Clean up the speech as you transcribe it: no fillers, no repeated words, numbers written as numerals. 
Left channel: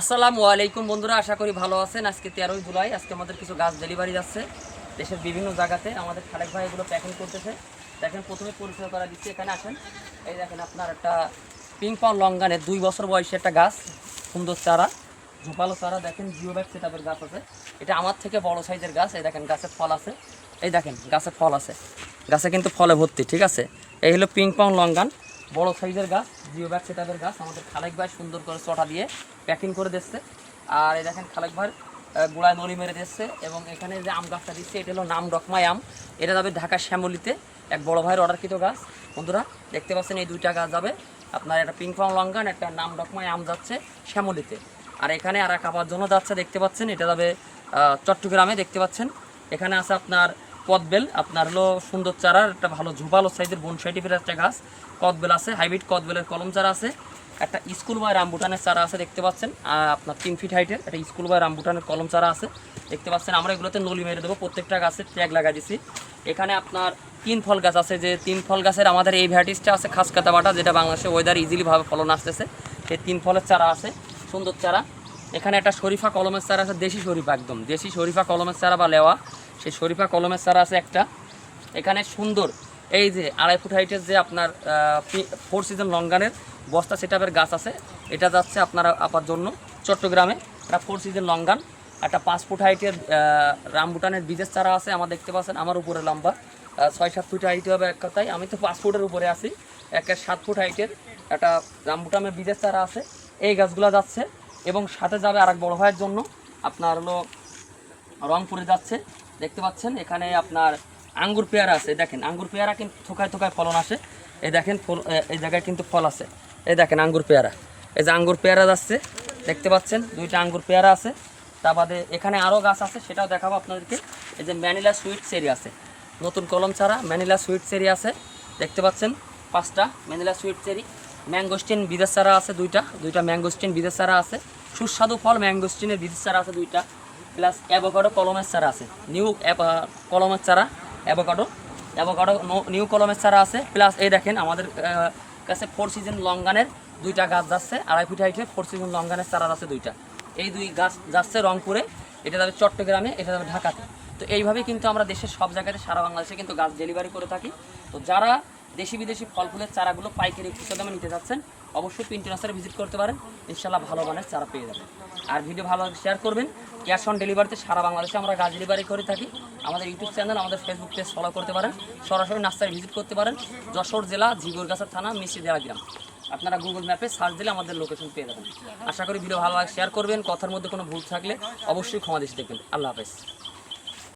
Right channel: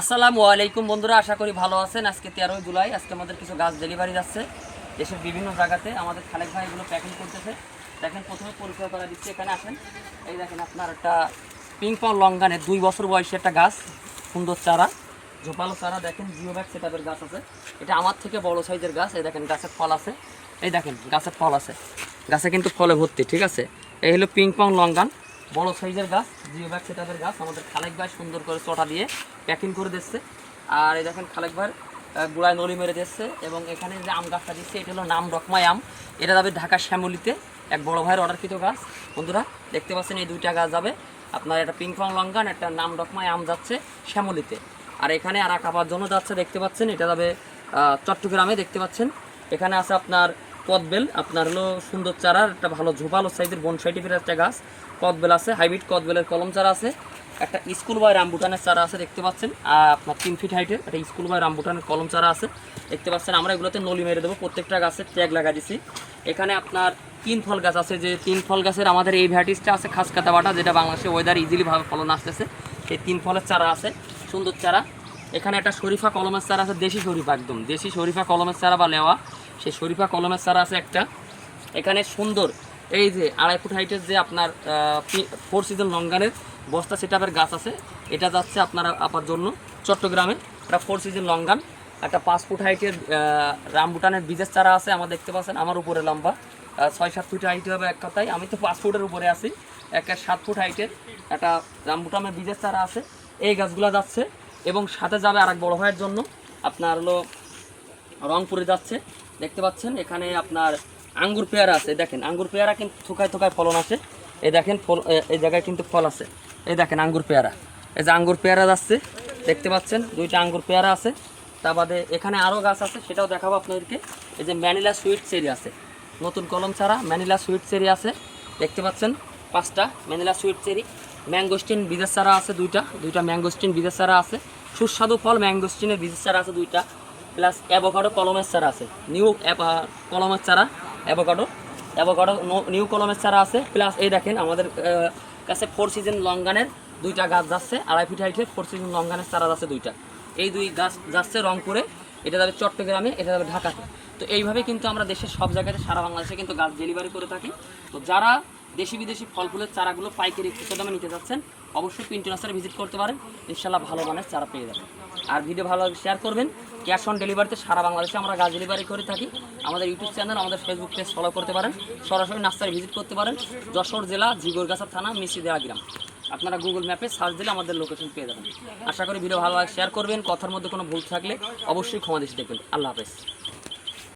আসসালামু আলাইকুম বন্ধুরা, আশা করি ভালো আছেন। আজকে 13 জুলাই, আজকে আমাদের কিছু গাছ ডেলিভারি যাচ্ছে দেশের বিভিন্ন জায়গাতে। আমাদের খালেক ভাই এগুলো প্যাকিং করতেছে। দেখেন, প্রথমে পরিচয় করা দিচ্ছি। এখানে আসেন, এই দেখেন আপনার একটা পিংপং লঙ্গানের 2 বছর বয়সী একটা গাছ, সুন্দর চারা, ঝোপালো চারা। দেখেন জিওব্যাগ সেটআপের গাছ আছে। এটা আমার থেকে বড় সাইজের গাছ। এই দেখেন গাছের ফল আছে, এই দেখেন গাছের ফল আছে, গাছে কিন্তু ফলে ভর্তি। ঠিক আছে, এই হলো পিংপং লঙ্গান, বড় সাইজের গাছ, জিওব্যাগ সেটআপের গাছ। আমাদের খালেক ভাই সুন্দর করে চটা দিয়ে প্যাকিং করে দিচ্ছে। আর এই দেখেন খালেক ভাই গোড়ায় নলি মেরে দিচ্ছে। এবং এখানে যে আম গাছটা দিচ্ছে, এটা হলো নাম ডকমাই আম। এটা যাবে ঢাকা শ্যামলিতে, এক বড় ভাইয়ের অর্ডারকৃত গাছ। বন্ধুরা দেখতে পাচ্ছেন, এই দুইটা গাছ যাবে আপনার, একটা পিংপং লঙ্গান, একটা নাম ডকমাই আম যাচ্ছে শ্যামলিতে। আর এখানে আর এক আবার জন্য যাচ্ছে, দেখতে পাচ্ছেন, এটা যাবে চট্টগ্রামে। দেখতে পাচ্ছেন এখানে আছে আপনার কদবেল, আপনার হলো সুন্দর চারার একটা ভালো ঝোপালো সাইজের বনসাই ফেলে একটা গাছ। কদবেল আছে, হাইব্রিড কদবেলের কলম চারা আছে। একটা স্কুল বয় রামবুটানের চারা আছে, দেখতে পাচ্ছেন। আর আপনার 3 ফিট হাইটের একটা স্কুল বয় রামবুটানের কলম চারা আছে, দেখতে পাচ্ছেন। আমরা এগুলোতে নলি মেরে দেবো, প্রত্যেকটা গাছে ট্যাগ লাগাই দিচ্ছি। এখানে আপনার 3 ফল গাছ আছে, যে 3 ফল গাছের আমাদের এই ভ্যারাইটিসটা আছে খাসকাতা বাটা, যেটা বাংলাদেশে ওয়েদার ইজিলিভাবে ফলন আসতেছে। সেই 3 ফলের চারা আছে, সুন্দর চারা। এখানে একটা শরীফা কলমের চারা আছে, দেশি শরীফা, একদম দেশি শরীফা কলমের চারা বা লেওয়া, সেই শরীফা কলমের চারা আছে একটা। এখানে সুন্দর এই যে 2.5 ফুট হাইটের যে আপনার 4 সিজন লঙ্গানের বস্তা সেটআপের গাছ আছে। এটা যাচ্ছে আপনার আপার জন্য চট্টগ্রামে। একটা 4 সিজন লঙ্গান, একটা 5 ফুট হাইটের রামবুটানের বীজের চারা আছে। আমার দেখতে পাচ্ছেন আমার উপরে লম্বা 6-7 ফুট হাইট হবে এক কথায়, আমি তো 5 ফুটের উপরে আছি। একটা 7 ফুট হাইটের একটা রামবুটানের বীজের চারা আছে। এই গাছগুলো যাচ্ছে। এবং সাথে যাবে আরেক বড় ভাইয়ের জন্য, আপনার হলো রংপুরে যাচ্ছে। দেখতে পাচ্ছেন এখানে আপনার আঙ্গুর পেয়ারা আছে। দেখেন আঙ্গুর পেয়ারা কিন্তু থোকায় থোকায় ফলন আসে। এই দেখেন ফল, এই জায়গায় কিন্তু ফল আছে। এই দেখেন আঙ্গুর পেয়ারা, এই যে আঙ্গুর পেয়ারা যাচ্ছে, দেখতে পাচ্ছেন 2টা আঙ্গুর পেয়ারা আছে। তা বাদে এখানে আরও গাছ আছে, সেটাও দেখাবো আপনাদেরকে। এই যে ম্যানিলা সুইট চেরি আছে, নতুন কলম ছাড়া ম্যানিলা সুইট চেরি আছে, দেখতে পাচ্ছেন 5টা ম্যানিলা সুইট চেরি। ম্যাঙ্গোস্টিন বীজের চারা আছে, দুইটা ম্যাঙ্গোস্টিন বীজের চারা আছে। সুস্বাদু ফল ম্যাঙ্গোস্টিনের বীজের চারা আছে 2টা। প্লাস অ্যাভোকাডো কলমের চারা আছে, নিউ কলমের চারা, অ্যাভোকাডো নিউ কলমের চারা আছে। প্লাস এই দেখেন আমাদের কাছে 4 সিজন লঙ্গানের 2টা গাছ যাচ্ছে, 2.5 ফিট হাইটের 4 সিজন লঙ্গানের চারা যাচ্ছে 2টা। এই 2 গাছ যাচ্ছে রংপুরে, এটা যাবে চট্টগ্রামে, এটা যাবে ঢাকাতে। তো এইভাবে কিন্তু আমরা দেশের সব জায়গাতে সারা বাংলাদেশে কিন্তু গাছ ডেলিভারি করে থাকি। তো যারা দেশি বিদেশি ফল ফুলের চারাগুলো পাইকারি খুচরা দামে নিতে যাচ্ছেন, অবশ্যই পিন্টু নার্সারি ভিজিট করতে পারেন, ইনশাল্লাহ ভালো মানের চারা পেয়ে যাবেন। আর ভিডিও ভালো লাগে শেয়ার করবেন। ক্যাশ অন ডেলিভারিতে সারা বাংলাদেশে আমরা গাছ ডেলিভারি করে থাকি। আমাদের ইউটিউব চ্যানেল, আমাদের ফেসবুক পেজ ফলো করতে পারেন, সরাসরি নার্সারি ভিজিট করতে পারেন। যশোর জেলা জিগরগাছা থানা মিষ্টিদেয়া গ্রাম। আপনারা গুগল ম্যাপে সার্চ দিলে আমাদের লোকেশন পেয়ে যাবেন। আশা করি ভিডিও ভালো লাগে শেয়ার করবেন। কথার মধ্যে কোনো ভুল থাকলে অবশ্যই ক্ষমা দৃষ্টি দেখবেন। আল্লাহ হাফেজ।